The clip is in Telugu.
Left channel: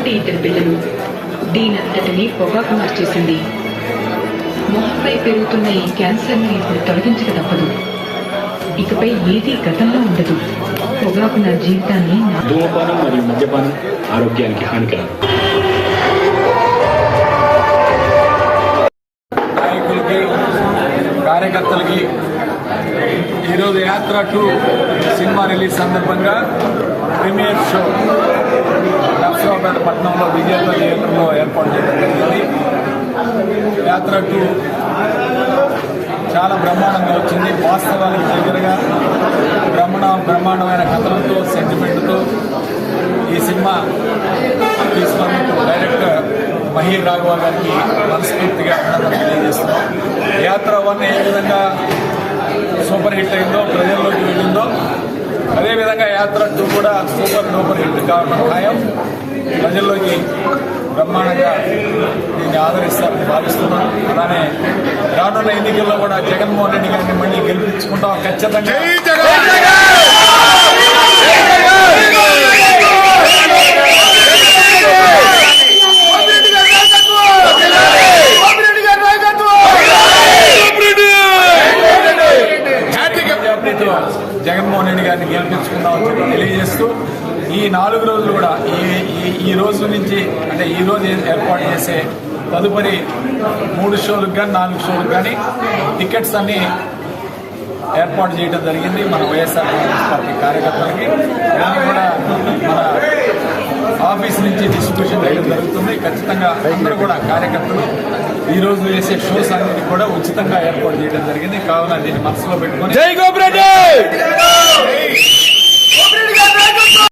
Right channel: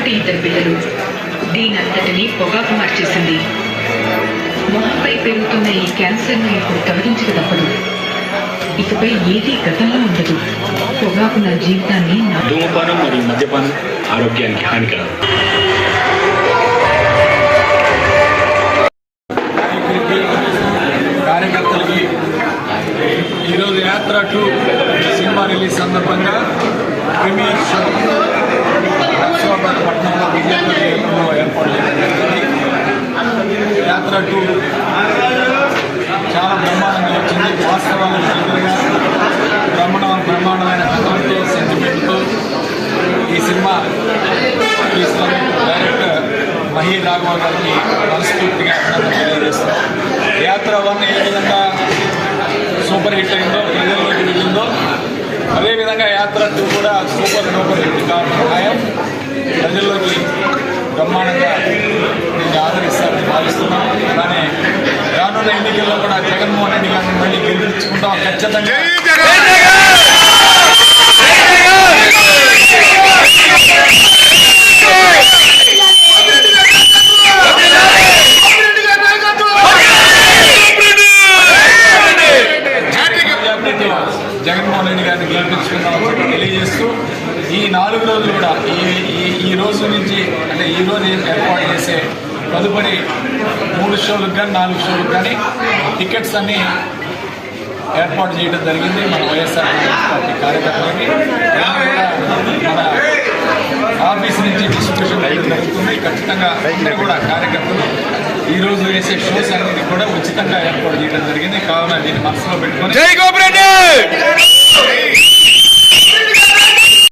లాంటి ఇద్దరు పిల్లలు, దీనంతటినీ పొగాకు మార్చేసింది. మొహంపై పెరుగుతున్న ఈ క్యాన్సర్ను ఇప్పుడు తొలగించక తప్పదు. ఇకపై ఏది గతంలో ఉండదు. పొగాకు నా జీవితాన్ని. ధూమపానం మరియు మద్యపానం ఆరోగ్యానికి హానికరం. నాయకులకి, కార్యకర్తలకి ఈరోజు యాత్ర 2 సినిమా రిలీజ్ సందర్భంగా ప్రీమియర్ షో నర్సరావుపేట పట్టణంలో విజయపల్లి థియేటర్లో ఏర్పాటు చేయడం జరిగింది. యాత్ర 2 చాలా బ్రహ్మాండంగా వచ్చింది. వాస్తవాలకు దగ్గరగా బ్రహ్మాండమైన కథలతో, సెంటిమెంట్తో ఈ సినిమా తీసుకొని డైరెక్టర్ మహి రాఘవ గారికి మనస్ఫూర్తిగా అభినందనలు తెలియజేస్తున్నాం. యాత్ర 1 ఏ విధంగా సూపర్ హిట్ అయిందో, ప్రజల్లోకి వెళ్ళిందో, అదేవిధంగా యాత్ర 2 కూడా సూపర్ డూపర్ హిట్ కావడం ఖాయం. ప్రజల్లోకి బ్రహ్మాండంగా దీన్ని ఆదరిస్తారని భావిస్తున్నాం. అలానే రానున్న ఎన్నికల్లో కూడా జగన్మోహన్ రెడ్డి గారిని మళ్ళీ గెలిపించుకుంటాం ఖచ్చితంగా. జగన్మోహన్ రెడ్డి గారిని గెలిపించుకున్నామని చెప్పి తెలియజేస్తూ ఈ 4 రోజులు కూడా ఈ రోజు నుంచి, అంటే ఈ రోజు ఏర్పాటు చేసే తదుపరి 3 షోలకు కానీ 4 షోలకు కానీ టికెట్స్ అన్ని ఏర్పాటు చేయడం జరిగింది మన వైఎస్ఆర్ కాంగ్రెస్ పార్టీ కార్యకర్తలకి. దాన్ని కూడా మన ఆఫీస్ నుంచి డిస్ట్రిబ్యూషన్ చేయడం జరుగుతుంది. ఖచ్చితంగా అందరూ కూడా కార్యకర్తలు ఈరోజు వేసే షోస్ అన్నిటి కూడా ఉచితంగా ఏర్పాటు చేయడం జరిగింది. కావున దీన్ని మనసులో పెట్టుకొని